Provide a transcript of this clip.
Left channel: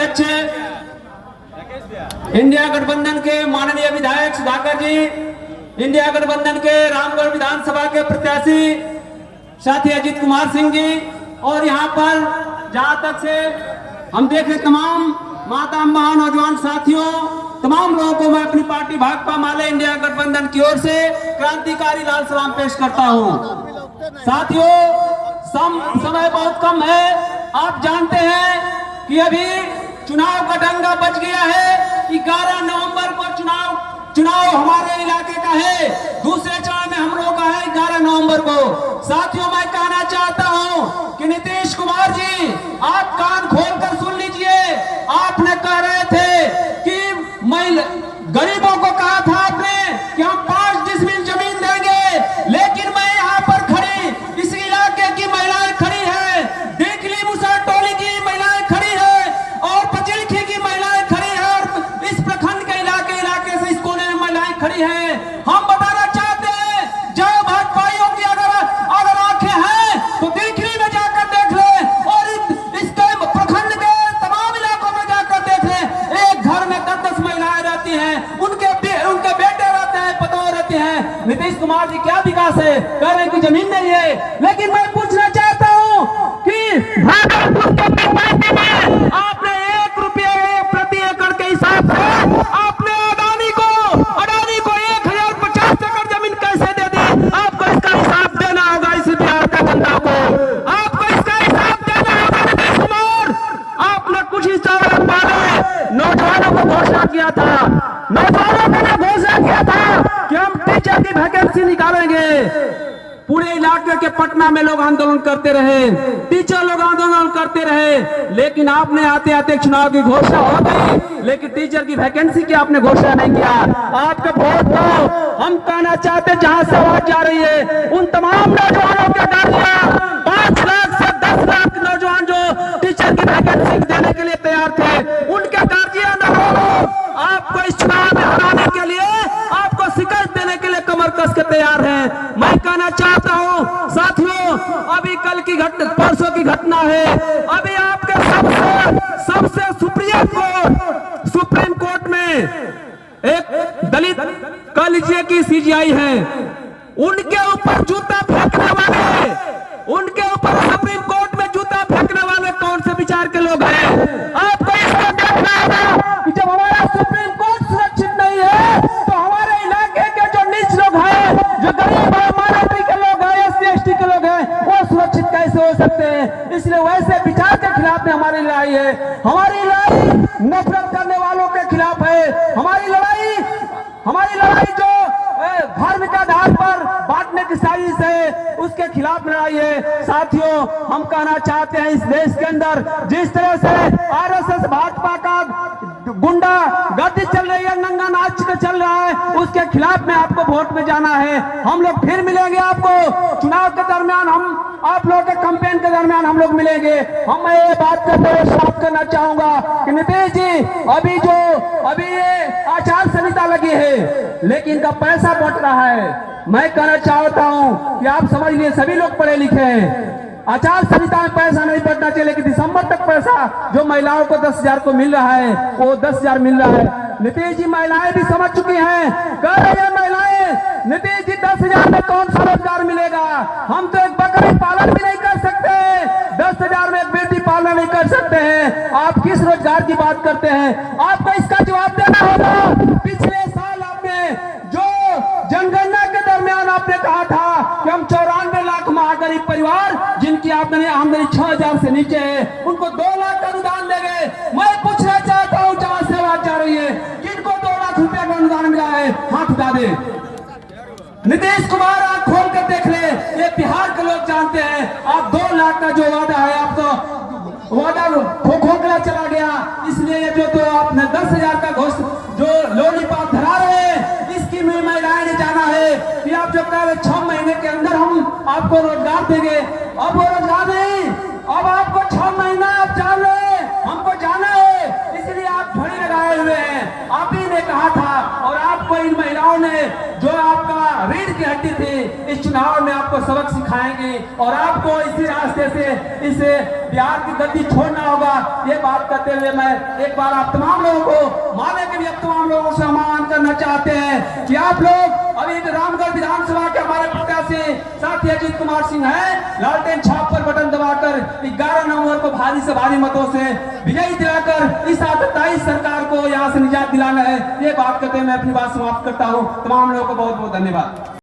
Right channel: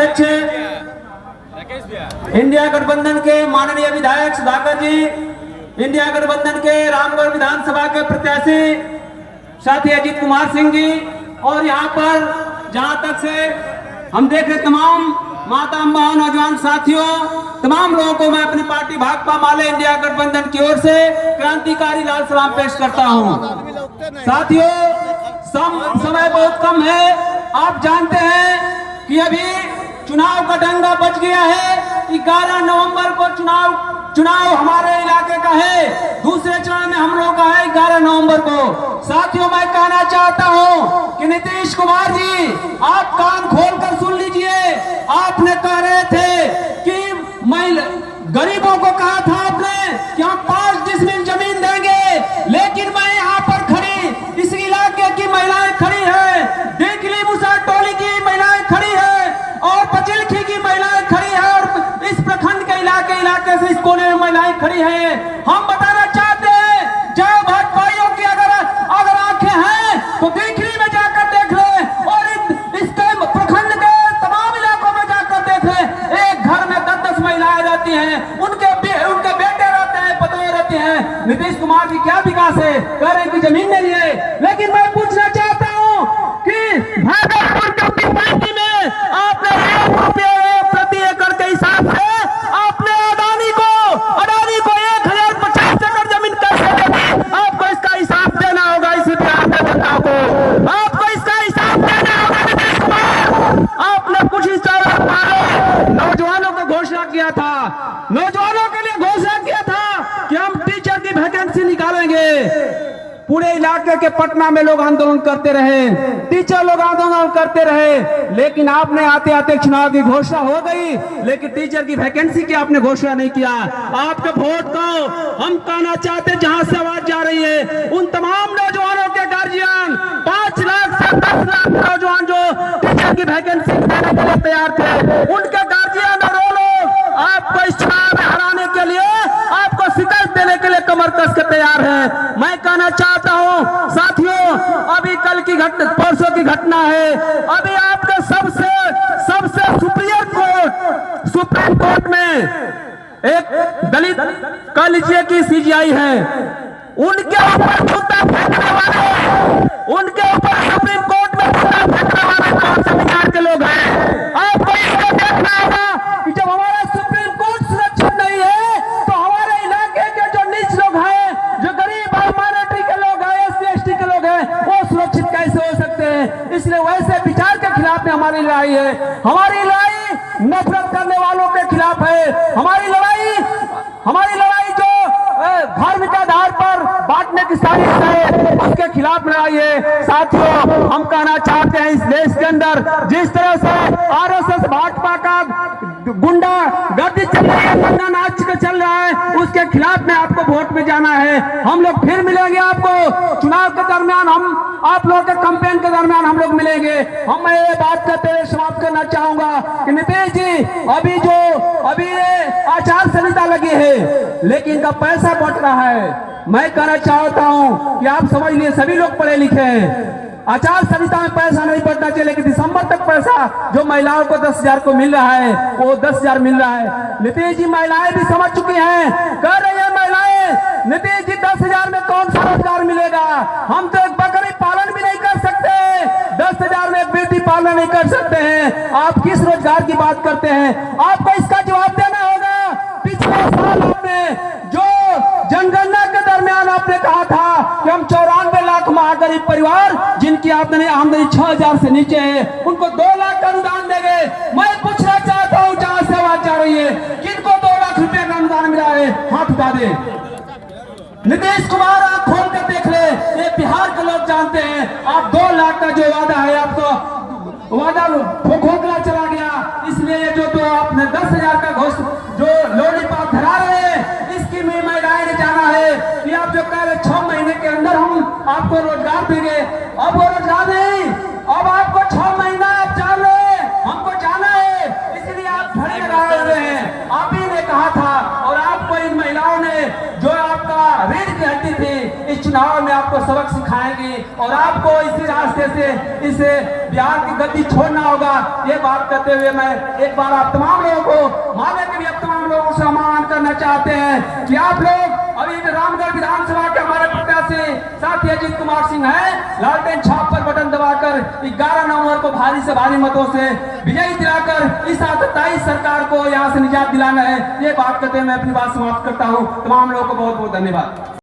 अध्यक्ष इंडिया गठबंधन के माननीय विधायक सुधाकर जी, इंडिया गठबंधन के रामगढ़ विधानसभा के प्रत्याशी साथी अजीत कुमार सिंह जी, और यहाँ पर जहाँ तक से हम देख रहे तमाम माता अम्मा नौजवान साथियों, तमाम लोगों को मैं अपनी पार्टी भाकपा माले इंडिया गठबंधन की ओर से क्रांतिकारी लाल सलाम पेश करता हूँ। साथियों, समय बहुत कम है। आप जानते हैं कि अभी चुनाव का डंगा बच गया है। 11 नवंबर को चुनाव हमारे इलाके का है, दूसरे चरण में हम लोग का है 11 नवंबर को। साथियों, मैं कहना चाहता हूं कि नीतीश कुमार जी, आप कान खोलकर सुन लीजिए। आपने कह रहे थे कि गरीबों को कहा था आपने कि हम 5 डिसमिल जमीन देंगे, लेकिन मैं यहाँ पर खड़ी इस इलाके की महिलाएं खड़ी है, देखली मुसा टोली की महिलाएं खड़ी है, और पचिलखी की महिलाएं खड़ी है, और इस प्रखंड के इलाके से इस कोने में महिलाएं खड़ी है। हम बताना चाहते हैं, जहाँ भाजपाइयों की अगर आंखें हैं तो देखली में जाकर देख ले, और इसके प्रखंड के तमाम इलाकों में जाकर देख ले। एक घर में 10-10 महिलाएं रहती हैं, उनके बेटे रहते हैं, पतोह रहते हैं। नीतीश कुमार जी क्या विकास है? कह रहे कि जमीन नहीं है। लेकिन मैं पूछना चाहता हूँ कि भागलपुर की पार्टी में आपने 1 रुपये प्रति एकड़ के हिसाब से आपने अडानी को 1050 एकड़ जमीन कैसे दे दी? आपको इसका हिसाब देना होगा इस बिहार के जनता को। आपको इसका हिसाब देना होगा नीतीश कुमार। आपने कुछ ही सालों पहले नौजवानों को घोषणा किया था, नौजवानों के लिए घोषणा किया था कि हम टीचर की वैकेंसी निकालेंगे। पूरे इलाके के पटना में लोग आंदोलन करते रहे, टीचर लोग आंदोलन करते रहे, लेकिन आपने आते आते चुनाव की घोषणा हो गई, लेकिन टीचर की वैकेंसी की आपने घोषणा नहीं किया। आपके वोट को हम कहना चाहते, जहां से आवाज जा रही है उन तमाम नौजवानों के गार्जियन, 5 लाख से 10 लाख नौजवान जो टीचर की वैकेंसी देने के लिए तैयार थे, उनके गार्जियन आपको इस चुनाव में हराने के लिए, आपको शिकस्त देने के लिए कमर कस के तैयार है। मैं कहना चाहता हूं साथियों, अभी कल की परसों की घटना है। अभी आपके सबसे सुप्रीम कोर्ट में एक दलित, कह लीजिए कि सीजीआई है, उनके ऊपर जूता फेंकने वाले, उनके ऊपर सुप्रीम कोर्ट में जूता फेंकने वाले कौन से विचार के लोग हैं? आपको इसका देखना होगा कि जब हमारा सुप्रीम कोर्ट सुरक्षित नहीं है, तो हमारे इलाके के जो नीच लोग हैं, जो गरीब माइनॉरिटी के लोग हैं, SC/ST के लोग हैं, वो सुरक्षित कैसे हो सकते हैं? इसलिए वैसे विचार के खिलाफ में हमारी लड़ाई है। हमारी लड़ाई नफरत करने वालों के खिलाफ है। हमारी लड़ाई जो धार्मिक आधार पर बांटने की साजिश है, उसके खिलाफ लड़ाई है। साथियों, हम कहना चाहते हैं, इस देश के अंदर जिस तरह से RSS भाजपा का गुंडा गर्दी चल रही है, दंगा नाच के चल रहा है, उसके खिलाफ में आपको वोट में जाना है। हम लोग फिर मिलेंगे आपको चुनाव के दरमियान, हम आप लोगों के कैंपेन के दरमियान हम लोग मिलेंगे। हम ये बात करते समाप्त करना चाहूंगा कि नीतीश जी, अभी ये आचार संहिता लगी है, लेकिन इनका पैसा बट रहा है। मैं कहना चाहता हूं कि आप समझ लिए, सभी लोग पढ़े लिखे हैं, आचार संहिता में पैसा नहीं बढ़ना चाहिए, लेकिन दिसंबर तक पैसा जो महिलाओं को 10,000 को मिल रहा है, वो 10,000 मिल रहा है। नीतीश जी, महिलाएं भी समझ चुकी हैं, कह रही है महिलाएं, नीतीश जी 10,000 में कौन सा रोजगार मिलेगा? हम तो एक बकरी पालन भी नहीं कर सकते, 10,000 में एक बेटी पालन नहीं कर सकते हैं। आप किस रोजगार की बात करते हैं? आपको इसका जवाब देना होगा। पिछले साल आपने जो जनगणना के दरमियान आपने कहा था कि हम 94 लाख महागरीब परिवार जिनकी आमदनी 6,000 से नीचे है, उनको 2 लाख का अनुदान देंगे। मैं पूछना चाहता हूं, जहां से आवाज जा रही है, किनको 2 लाख रुपए का अनुदान मिला है? हाथ उठा दे। नीतीश कुमार, आप खोल कर देख ले, ये बिहार के लोग जानते हैं। आप 2 लाख का जो वादा है, आपको वादा खोखला चला गया। इसलिए जो तो आपने 10,000 का जो लोलीपॉप धरा रहे हैं, इसकी में महिलाएं ने जाना है कि आप जो कह रहे 6 महीने के अंदर हम आपको रोजगार देंगे। अब वो रोजगार नहीं, अब आपको 6 महीना आप जान रहे, हमको जाना है, इसलिए आप धरने लगाए हुए हैं। आप ही ने कहा था, और आपको इन महिलाओं ने जो आपका रीढ़ की हड्डी थी, चुनाव में आपको सबक सिखाएंगे और आपको इसी रास्ते से इस बिहार की गद्दी छोड़ना होगा। ये बात करते हुए मैं एक बार आप तमाम लोगों को माने के भी अब तमाम लोगों से आह्वान करना चाहते हैं कि आप लोग अभी रामगढ़ विधानसभा के हमारे प्रत्याशी साथी अजीत कुमार सिंह है, लालटेन छाप पर बटन दबाकर 11 नवंबर को भारी से भारी मतों से विजयी दिलाकर इस आतताई सरकार को यहाँ से निजात दिलाना है। ये बात करते हुए मैं अपनी बात समाप्त करता हूँ। तमाम लोगों को बहुत बहुत धन्यवाद।